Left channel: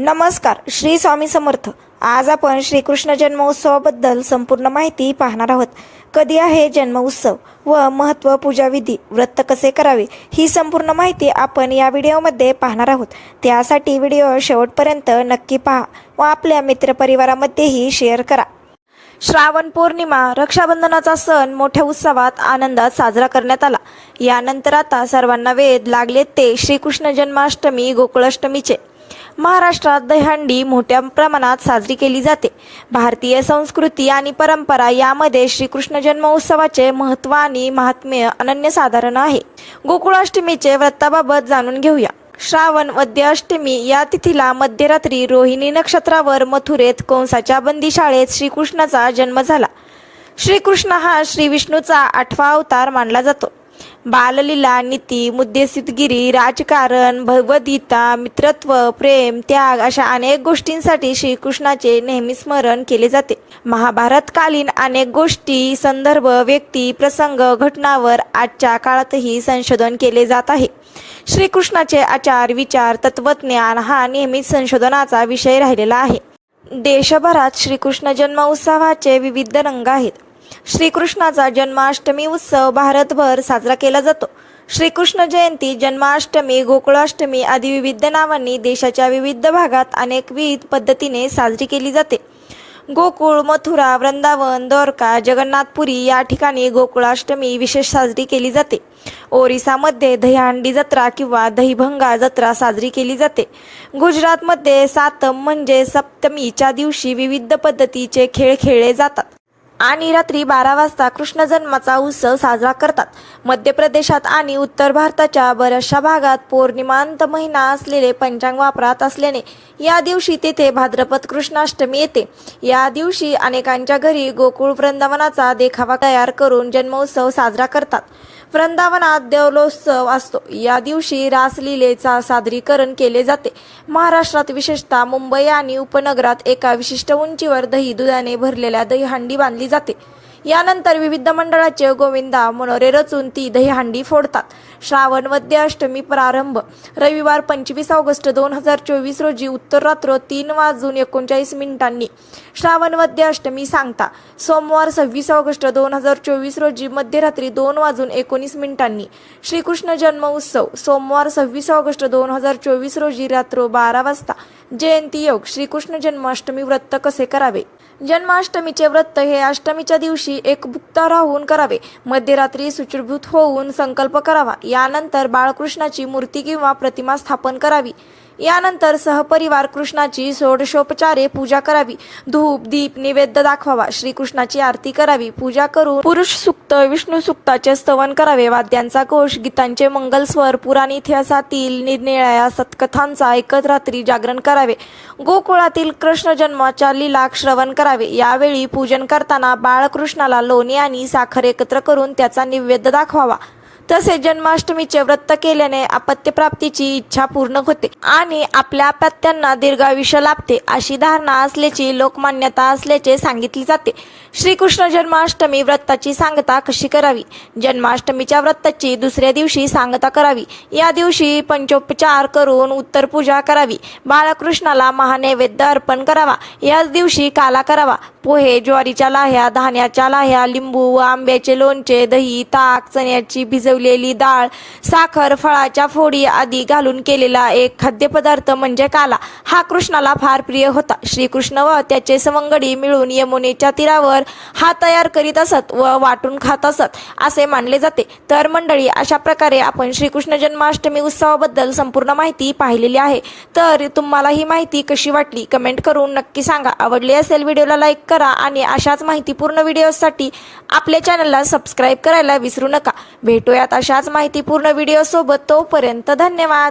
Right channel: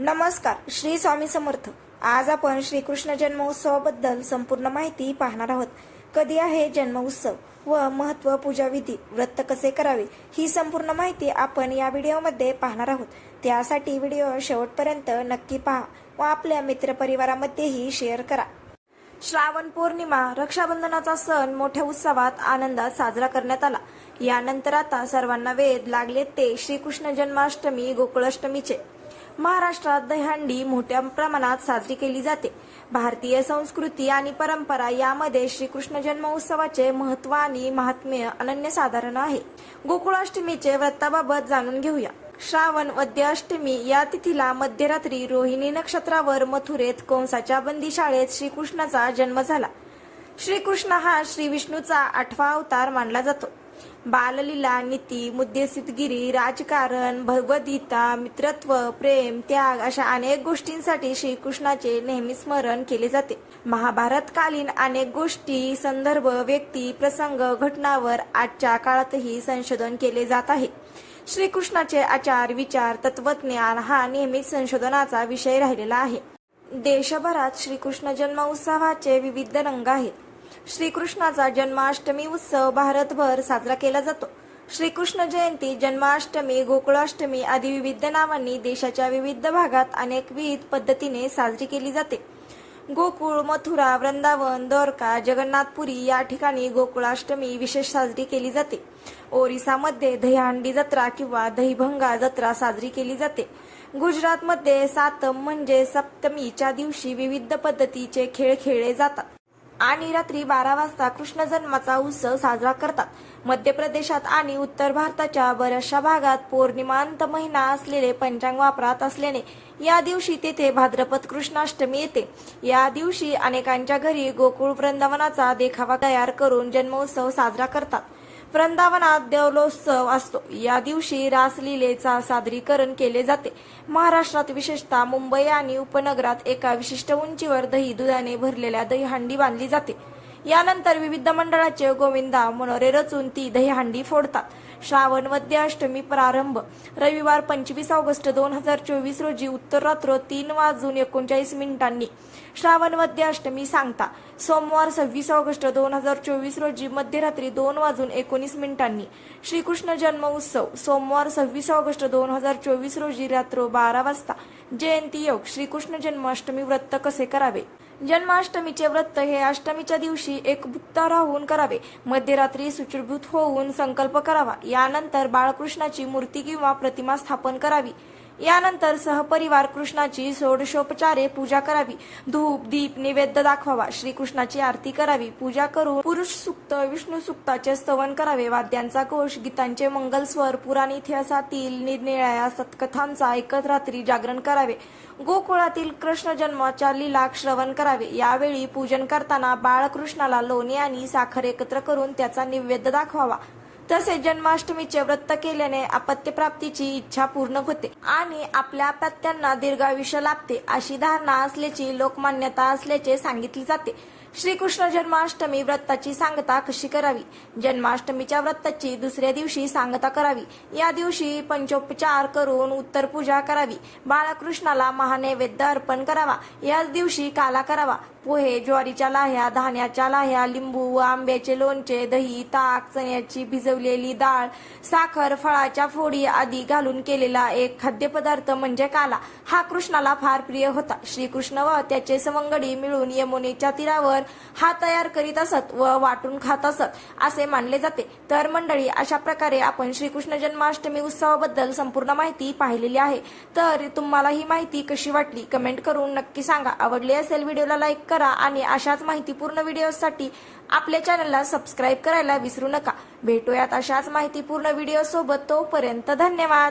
नमस्कार, श्री स्वामी समर्थ। आज आपण श्रीकृष्ण जन्मोत्सवाबद्दल संपूर्ण माहिती पाहणार आहोत। कधी आहे जन्मोत्सव व महत्त्व, पूजाविधी, व्रत कसे करावे ही संपूर्ण माहिती आपण या व्हिडिओमध्ये पाहणार आहोत। त्यासाठी व्हिडिओ शेवटपर्यंत नक्की पहा व आपल्या मित्रपरिवारामध्येही शेअर करा। श्रावण पौर्णिमा, रक्षाबंधनाचा सण मोठ्या उत्सवात आनंदात साजरा करण्यात आला। यानंतर आता सर्वांना वेध लागले ते श्रीकृष्ण जन्माष्टमी, गोकुळाष्टमीचे। महाराष्ट्रात दहीहंडी मोठ्या प्रमाणात साजरी केली जाते। भारतीय संस्कृती आणि परंपरा यामध्ये श्रीकृष्ण जन्मोत्सवाचे महत्त्व आणि महात्म्य अनन्यसाधारण आहे। गोकुळाष्टमीचे व्रताबाबत जाणून घेऊया। श्रावण वद्य अष्टमी या तिथीला मध्यरात्री रोहिणी नक्षत्रावर मथुरेत कंसाच्या बंदीशाळेत श्रीकृष्णाचा जन्म झाला। श्रीकृष्ण हा श्री विष्णूचा 8वा अवतार मानला जातो। बाललीला, नीती, मुद्देसिद्धगिरी, राजकारण, भगवद्गीता, मित्रत्व, प्रेम, त्याग अशा अनेक गोष्टींसाठी श्रीकृष्णाचे नेहमी स्मरण केले जाते। महाभारतकालीन अनेक गोष्टी, संदर्भ, व्यक्ती, प्रसंग, घटनांवर आजच्या काळातही संशोधन केले जात आहे। श्रीकृष्णाचे आचार, विचार, तत्वज्ञान हा नेहमीच संशोधनाचा विषय राहिलेला आहे। देशभरात श्रीकृष्ण जन्मोत्सवाचे विविध रंग आहेत। श्रीकृष्णाचा जन्माष्टमी उत्सव भारतभर साजरा केला जातो। श्रीकृष्ण जयंती, जन्माष्टमी, गोकुळाष्टमी आदी विविध नावांनी देशाच्या विविध भागात अनेकविध पद्धतीने साजरी केली जाते। गोकुळ, मथुरा, वृंदावन, द्वारका, जगन्नाथपुरी या ठिकाणी गोकुळाष्टमी विशेष साजरी केली जाते। ओरिसामध्ये दहीहंडी जत्रा किंवा दहीभंगा जत्रा साजरी केली जाते। गुजरातमध्ये सातम म्हणजे सप्तमीच्या दिवशी विविध पद्धतीचे खेळ खेळले जातात आणि रात्री 12 वाजता कृष्ण जन्माचा उत्सव साजरा करतात। मध्य प्रदेशात आणि उत्तर भारताच्या बऱ्याचशा भागात पौर्णिमांत महिना असलेले पंचांग वापरात असल्याने या दिवशी तेथे भाद्रपद कृष्णाष्टमी येते। या दिवशी अनेकांच्या घरी गोकुळ वृंदावनाचा देखावा तयार करून जन्मोत्सव साजरा करतात। वृंदावनात देवलोत्सव असतो। या दिवशी रासलीलेचा सादरीकरण केले जाते। महाराष्ट्रात विशेषतः मुंबई आणि उपनगरात एका विशिष्ट उंचीवर दही दुधाने भरलेल्या दहीहंडी बांधली जाते। यानंतर विविध मंडळाचे गोविंदा मनोरे रचून ती दहीहंडी फोडतात। श्रावण वद्य अष्टमी प्रारंभ रविवार 25 ऑगस्ट 2024 रोजी उत्तर रात्र 3:39 श्रावण वद्य अष्टमी सांगता सोमवार 26 ऑगस्ट 2024 रोजी मध्यरात्री 2:19 श्रीकृष्ण जन्म उत्सव सोमवार 26 ऑगस्ट 2024 रोजी रात्र 12 वाजता। जयंती योग, श्रीकृष्ण जन्माष्टमी व्रत कसे करावे। जन्माष्टमीचे व्रत हे अष्टमीच्या दिवशी एकभुक्त राहून करावे। मध्यरात्री शुचिर्भूत होऊन संकल्प करावा। यानंतर बाळकृष्णाची मूर्ती किंवा प्रतिमा स्थापन करावी। यानंतर सहपरिवार कृष्णाची षोडशोपचारे पूजा करावी। धूप, दीप, नैवेद्य दाखवावा। श्रीकृष्णाची आरती करावी। पूजा करून पुरुष सूक्त, विष्णू सूक्ताचे स्तवन करावे। वाद्यांचा घोष, गीतांचे मंगलस्वर, पुराण इतिहासातील निरनिराळ्या सत्कथांचा ऐकत रात्री जागरण करावे। गोकुळातील कृष्ण जन्माच्या लीला श्रवण करावे। यावेळी पूजन करताना बाळकृष्णाला लोणी आणि साखर एकत्र करून त्याचा नैवेद्य दाखवावा। तसेच जन्माष्टमीचे व्रत केल्याने अपत्यप्राप्तीची इच्छा पूर्ण होते आणि आपल्या अपत्यांना दीर्घायुष्य लाभते अशी धारणा असल्याची लोकमान्यता असल्याचे सांगितले जाते। श्रीकृष्ण जन्माष्टमी व्रताची सांगता कशी करावी। जन्माष्टमीच्या व्रताची दुसऱ्या दिवशी सांगता करावी। या दिवशी पंचोपचार करून उत्तर पूजा करावी। बाळकृष्णाला महानैवेद्य अर्पण करावा। याच दिवशी काला करावा। पोहे, ज्वारीच्या लाह्या, धान्याच्या लाह्या, लिंबू व आंब्याचे लोणचे, दही, ताक, चण्याची भिजवलेली डाळ, साखर, फळाच्या फोडी आदी घालून केलेला एक खाद्यपदार्थ म्हणजे काला हा कृष्णाला फार प्रिय होता। श्रीकृष्ण व त्याचे सवंगडी मिळून यमुनेच्या तीरावर हा तयार करीत असत व वाटून खात असत असे मानले जाते। तर मंडळी, अशा प्रकारे आपण श्रीकृष्ण जन्माष्टमी उत्सवाबद्दल संपूर्ण माहिती पाहिलेली आहे। तर तुम्हाला ही माहिती कशी वाटली कमेंट करून नक्की सांगा। आवडली असेल व्हिडिओला लाईक करा आणि अशाच माहितीपूर्ण व्हिडिओसाठी आपल्या चॅनलला सबस्क्राईब करायला विसरू नका। भेटूयात अशाच माहितीपूर्ण व्हिडिओ सोबत। तोपर्यंत धन्यवाद।